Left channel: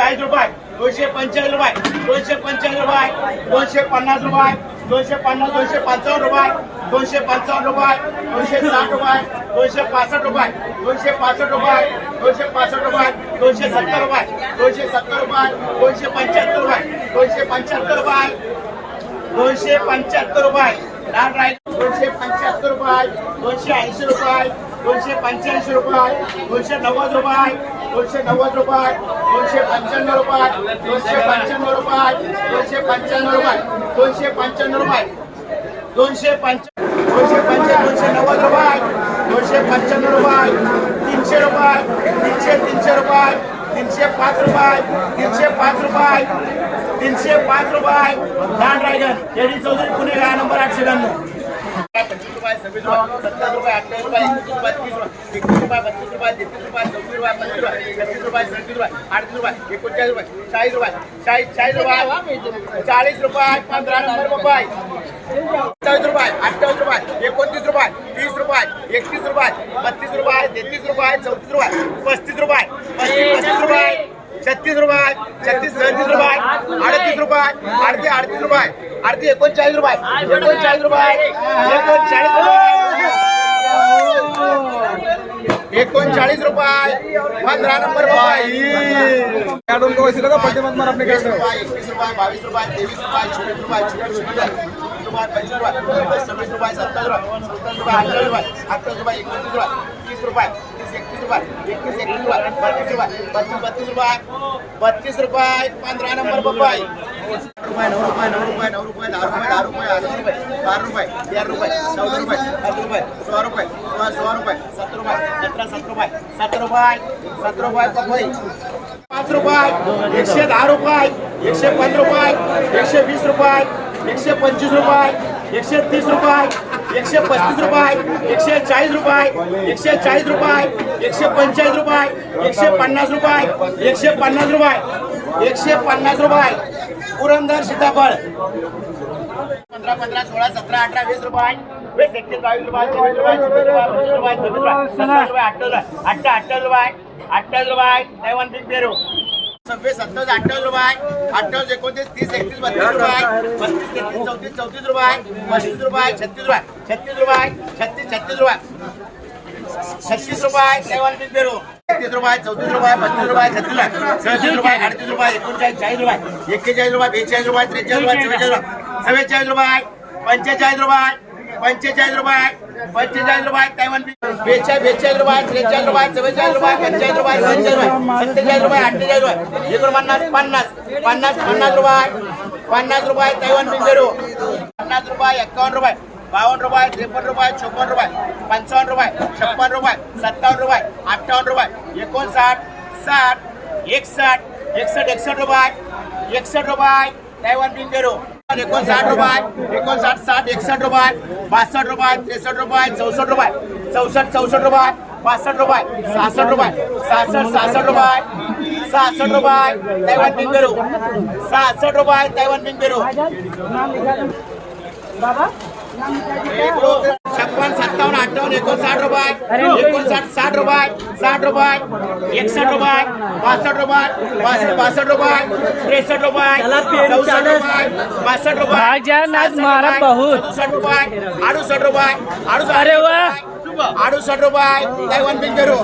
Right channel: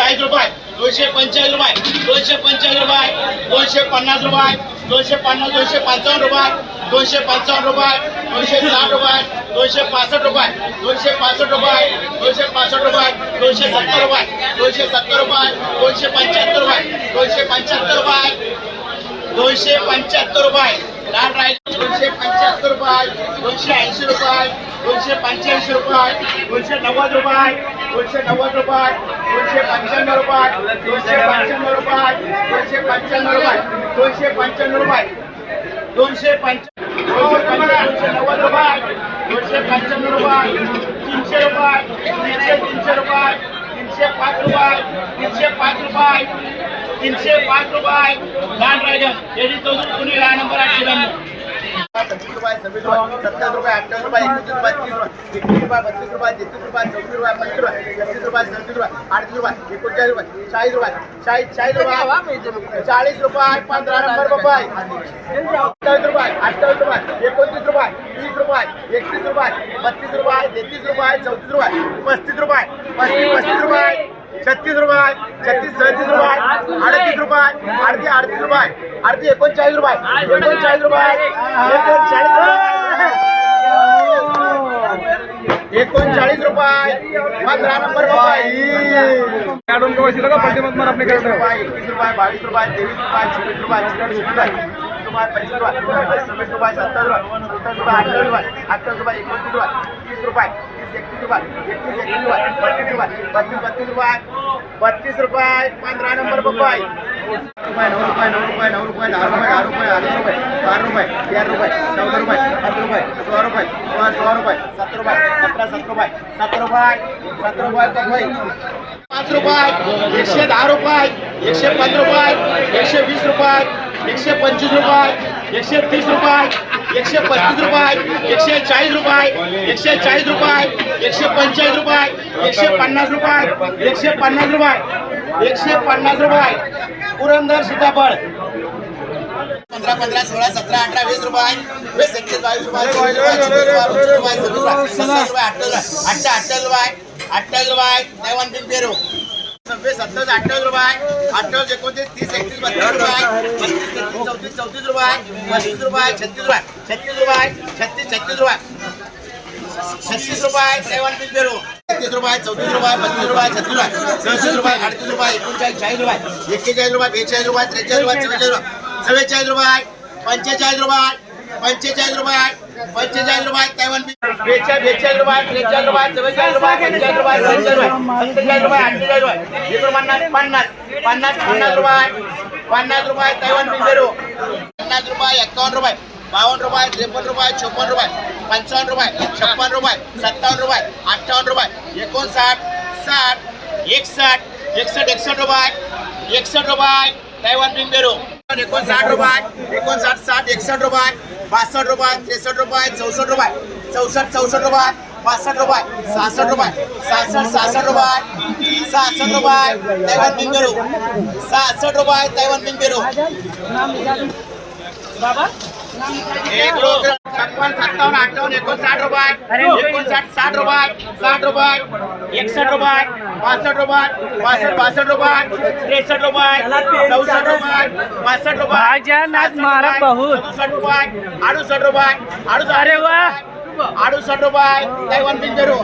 चाळीस रुपये दोनशे पंचेचाळीस रुपये दोनशे पंचेचाळीस रुपये दोनशे पन्नास रुपये दोनशे पन्नास दोनशे पंचावन्न रुपये दोनशे पंचावन्न रुपये दोनशे साठ रुपये दोनशे पासष्ट रुपये दोनशे पासष्ट रुपये दोनशे पासष्ट रुपये दोनशे सत्तर रुपये दोनशे सत्तर रुपये दोनशे पंच्याहत्तर रुपये दोनशे पंच्याहत्तर रुपये दोनशे पंच्याहत्तर रुपये लाल राय दोनशे पंच्याहत्तर रुपये दोनशे ऐंशी रुपये दोनशे पंच्याऐंशी रुपये दोनशे नव्वद रुपये दोनशे नव्वद रुपये दोनशे पंच्याण्णव रुपये दोनशे पंच्याण्णव रुपये दोनशे पंच्याण्णव रुपये दोनशे पंच्याण्णव रुपये दोनशे पंच्या दोनशे पंच्याण्णव दोनशे नव्वद रुपये दोनशे पंच्याण्णव रुपये तीनशे रुपये तीनशे तीनशे रुपये तीनशे पाच रुपये तीनशे पाच रुपये तीनशे पाच रुपये लहान रायगड केडी चौधरी पुणे लहान नंबर आठशे ब्याण्णव पंचवीस रुपये सव्वीस रुपये सत्तावीस रुपये अठ्ठावीस रुपये रुपये, तीस रुपये बत्तीस रुपये तेहतीस रुपये चौतीस रुपये छत्तीस रुपये सदतीस रुपये अडतीस रुपये एकोणचाळीस रुपये चाळीस रुपये चाळीस चाळीस रुपये चाळीस रुपये पंधरा नंबर रुपये सत्तावीस रुपये अठ्ठावीस तीस रुपये बत्तीस रुपये तेहतीस रुपये, पस्तीस रुपये, पस्तीस पस्तीस रुपये छत्तीस रुपये छत्तीस सदतीस रुपये अडतीस रुपये अर्धे अडतीस रुपये अर्धे एकोणचाळीस रुपये एकोणचाळीस रुपये एकोणचाळीस रुपये. एकोणचाळीस रुपये. पंधरा नंबर रुपये याडून का वैसे लगा पट्टी मत मार अपने वीस रुपये एकवीस रुपये बावीस रुपये तेवीस रुपये चोवीस रुपये चोवीस रुपये रुपये पंचवीस रुपये सव्वीस रुपये सत्तावीस रुपये सत्तावीस रुपये अठ्ठावीस रुपये अठ्ठावीस रुपये एकोणतीस रुपये तीस रुपये. एकतीस रुपये एकतीस एकतीस रुपये बत्तीस रुपये बत्तीस बत्तीस रुपये बत्तीस रुपये पंधरा नंबर रुपये रुपये नऊ रुपये नऊ रुपये नऊ रुपये दहा रुपये दहा रुपये आठ रुपये बारा रुपये तेरा रुपये चौदा रुपये पंधरा रुपये सोळा रुपये सोळा सोळा रुपये सतरा रुपये सतरा सतरा रुपये सतरा रुपये सतरा रुपये पाच रुपये एकशे दहा रुपये एकशे पंधरा रुपये एकशे वीस रुपये एकशे पंचवीस रुपये एकशे तीस रुपये एकशे पस्तीस रुपये एकशे चाळीस रुपये एकशे चाळीस रुपये एकशे पंचेचाळीस रुपये एकशे पन्नास रुपये एकशे पन्नास रुपये एकशे पन्नास रुपये. पुरंदर सीताफळ. पंधरा पंधरा सोळा सतरा अठरा वीस रुपये वीस एकवीस बावीस रुपये चोवीस रुपये चोवीस रुपये पंचवीस रुपये सव्वीस रुपये अठ्ठावीस रुपये अठ्ठा अठ्ठावीस रुपये. अठ्ठावीस रुपये. पेरू. सव्वीस सत्तावीस अठ्ठावीस रुपये. अठ्ठावीस एकोणतीस तीस एकतीस बत्तीस रुपये. बत्तीस तेहतीस चौतीस चौतीस रुपये. पस्तीस रुपये छत्तीस रुपये. छत्तीस रुपये छत्तीस छत्तीस रुपये. छत्तीस रुपये तैवान बिग पेरू. एकतीस रुपये चौतीस रुपये पस्तीस रुपये छत्तीस रुपये. सदतीस रुपये अडतीस रुपये एकोणचाळीस चाळीस रुपये. एक्केचाळीस रुपये बेचाळीस रुपये त्रेचाळीस रुपये चव्वेचाळीस रुपये. चव्वेचाळीस रुपये पंचेचाळीस रुपये पंचेचाळीस रुपये. पंचेचाळीस रुपये तैवान बेचाळीस बेचाळीस रुपये त्रेचाळीस रुपये चव्वेचाळीस रुपये पंचेचाळीस रुपये सत्तेचाळीस रुपये सत्तेचाळीस रुपये अठ्ठेचाळीस रुपये एकोणपन्नास पन्नास पन्नास पन्नास रुपये पन्नास रुपये तैवान बिंबेरू पन्नास रुपये एक्कावन्न रुपये बावन्न रुपये त्रेपन्न रुपये चोपन्न रुपये पंचावन्न रुपये छप्पन रुपये सत्तावन्न रुपये अठ्ठावन्न रुपये एकोणसाठ साठ एकसठ एकसठ एकसष्ट रुपये एकसष्ट रुपये तैवान बिंबेरू एकोणसाठ रुपये एकोणसाठ साठ एकसठ रुपये बासष्ट रुपये त्रेसष्ट रुपये चौसष्ट रुपये. चौसष्ट चौसष्ट रुपये पासष्ट रुपये सहासष्ट रुपये. सहासष्ट सहासष्ट रुपये सहासष्ट रुपये तैवान बिंग बिंबेरू सहासष्ट रुपये तैवान बिंग एक दोन छप्पन सत्तावन्न अठ्ठावन्न एकोणसाठ रुपये एकोणसाठ साठ रुपये साठ रुपये एकसष्ट रुपये बासष्ट रुपये बासष्ट बासष्ट रुपये त्रेसष्ट रुपये चौसष्ट रुपये पासष्ट रुपये. सदुसष्ट रुपये अडुसष्ट रुपये अडुसष्ट अरे वा. अडुसष्ट रुपये तैवान बिंदरू